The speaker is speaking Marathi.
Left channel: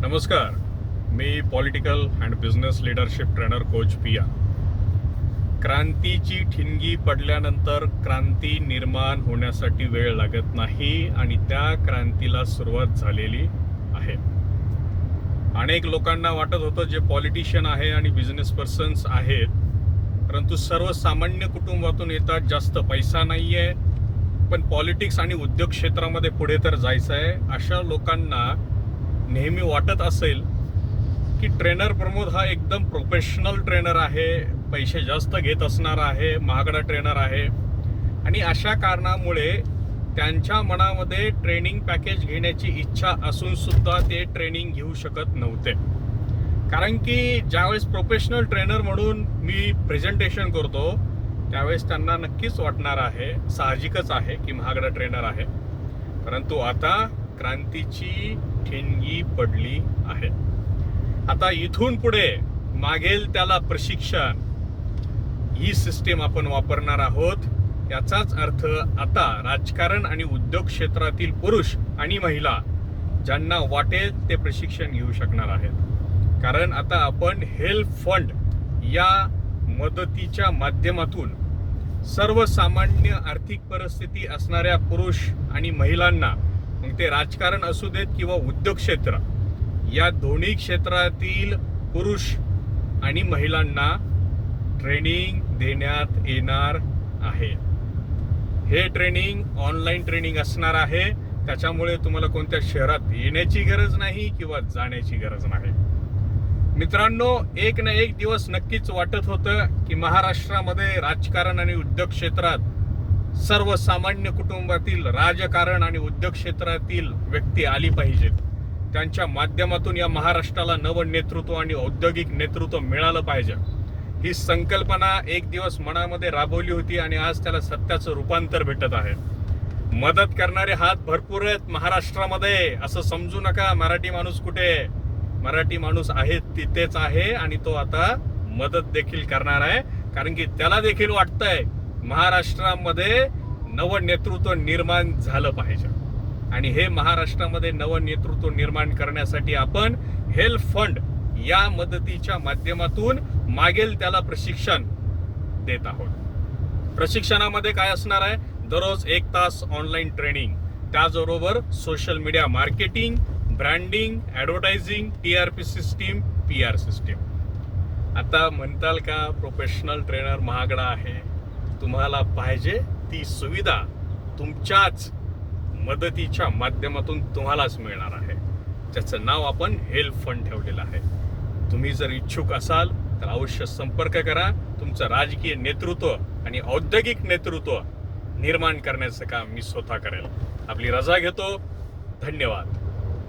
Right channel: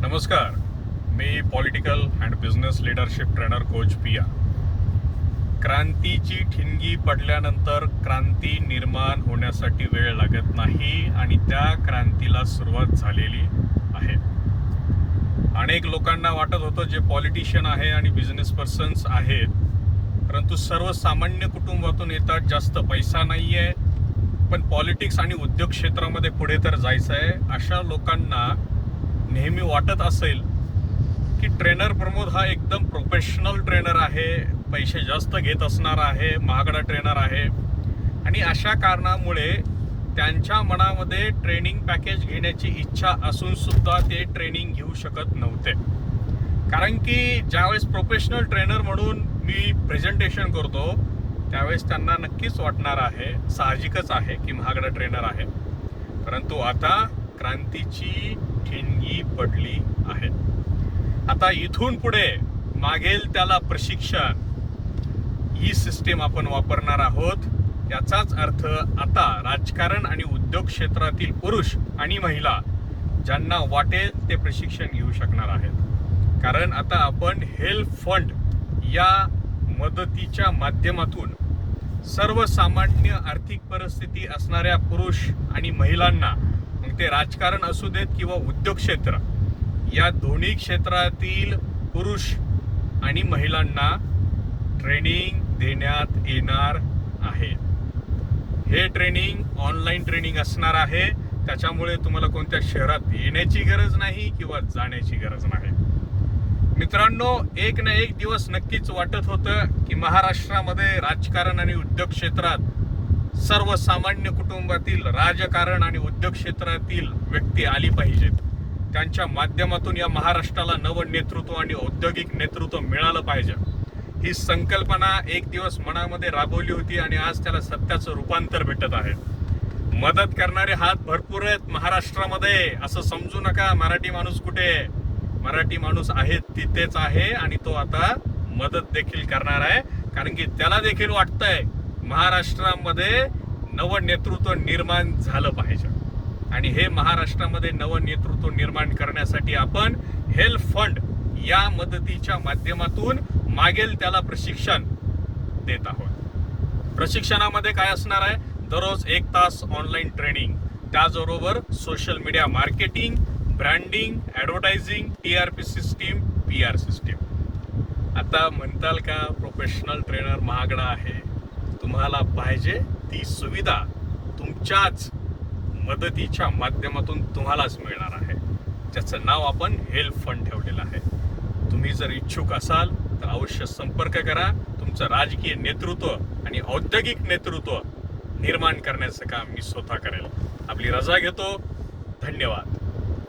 नमस्कार. मी political and business leadership trainer coach Piya. क्रांतीची ठिणगी पडल्यानंतर क्रांती निर्माण होण्यासाठी वेळ लागत नाही आणि त्या क्रांतीला सुरुवात झालेली आहे. अनेक लोकांना वाटत होतं जे पॉलिटिशियन आहे आणि बिझनेस पर्सन्स आहेत परंतु सर्वसामान्य कुटुंबातून येतात जास्त पैसा नाही आहे पण पॉलिटिक्स आणि उद्योग क्षेत्रामध्ये पुढे तर जायचं आहे अशा लोकांना नेहमी वाटत असेल की ट्रेनर प्रमोद हा एकदम प्रोफेशनल ट्रेनर आहे पैसे जास्त घेत असणार आहे महागडा ट्रेनर आहे. आणि अशा कारणामुळे त्यांच्या मनामध्ये ट्रेनिंग पॅकेज घेण्याची इच्छा असून सुद्धा ते ट्रेनिंग घेऊ शकत नव्हते. कारण की ज्यावेळेस प्रोफेशनल ट्रेनर म्हणून मी प्रेझेंटेशन करतो त्यावेळेस त्यांना नक्कीच वाटणार आहे साहजिकच आहे की महागडा ट्रेनर आहे. परंतु आता क्रांतीची ठिणगी पडली आहे आता इथून पुढे मागेल त्याला प्रशिक्षण. ही सिस्टीम आपण वापरणार आहोत. याचाच अर्थ आता राजकारण आणि उद्योग क्षेत्रातील पुरुष आणि महिला ज्यांना वाटेल ते प्रशिक्षण घेऊ शकणार आहेत. कारण आता आपण हेल्प फंड या मदतीच्या माध्यमातून सर्वसामान्य आर्थिक परिस्थिती असणाऱ्या पुरुष आणि महिलांना मग ते राजकारण असू देत किंवा उद्योग क्षेत्र या दोन्ही क्षेत्रातील पुरुष आणि महिलांना ट्रेनिंग देण्यात येणार आहे. हे ट्रेनिंग ऑनलाईन ट्रेनिंग असणार आहे. त्याच्यामुळे तुम्हाला कोणत्या शहरात येण्याची गरज नाही किंवा जाण्याची गरज नाही. मित्रांनो एक ना एक दिवस नक्कीच वाटत होतं की महाराष्ट्रामध्ये राजकारण आणि उद्योग क्षेत्रात सर्वसामान्य कुटुंबातील राजकारण आणि उद्योग क्षेत्रातील व्यक्ती आली पाहिजेत. त्यांच्या माध्यमातून या महाराष्ट्राला नवं नेतृत्व आणि औद्योगिक नेतृत्व मिळालं पाहिजे. ही संकल्पना एक दिवस मनामध्ये राबवली होती आणि आज त्याला सत्याचं रूपांतर भेटत आहे. मदत करणारे हात भरपूर आहेत महाराष्ट्रामध्ये असं समजू नका मराठी माणूस कुठे? आहे? मराठी माणूस आहे तिथेच आहे आणि तो आता मदत देखील करणार आहे. कारण की त्याला देखील वाटतंय महाराष्ट्रामध्ये नवं नेतृत्व निर्माण झालं पाहिजे. आणि हे महाराष्ट्रामध्ये नवं नेतृत्व निर्माण करण्यासाठी आपण हेल्थ फंड या मदतीच्या माध्यमातून मागेल त्याला प्रशिक्षण देत आहोत. प्रशिक्षणामध्ये काय असणार आहे? दररोज एक तास ऑनलाईन ट्रेनिंग त्याचबरोबर social media marketing branding advertising T R P system P R system आता म्हणताल का प्रोफेशनल ट्रेनर महागडा आहे? तुम्हाला पाहिजे ती सुविधा तुमच्याच मदतीच्या माध्यमातून तुम्हालाच मिळणार आहे. ज्याचं नाव आपण हेल्प फंड ठेवलेलं आहे. तुम्ही जर इच्छुक असाल तर अवश्य संपर्क करा. तुमचं राजकीय नेतृत्व आणि औद्योगिक नेतृत्व निर्माण करण्याचं काम मी स्वतः करेल. आपली रजा घेतो. धन्यवाद.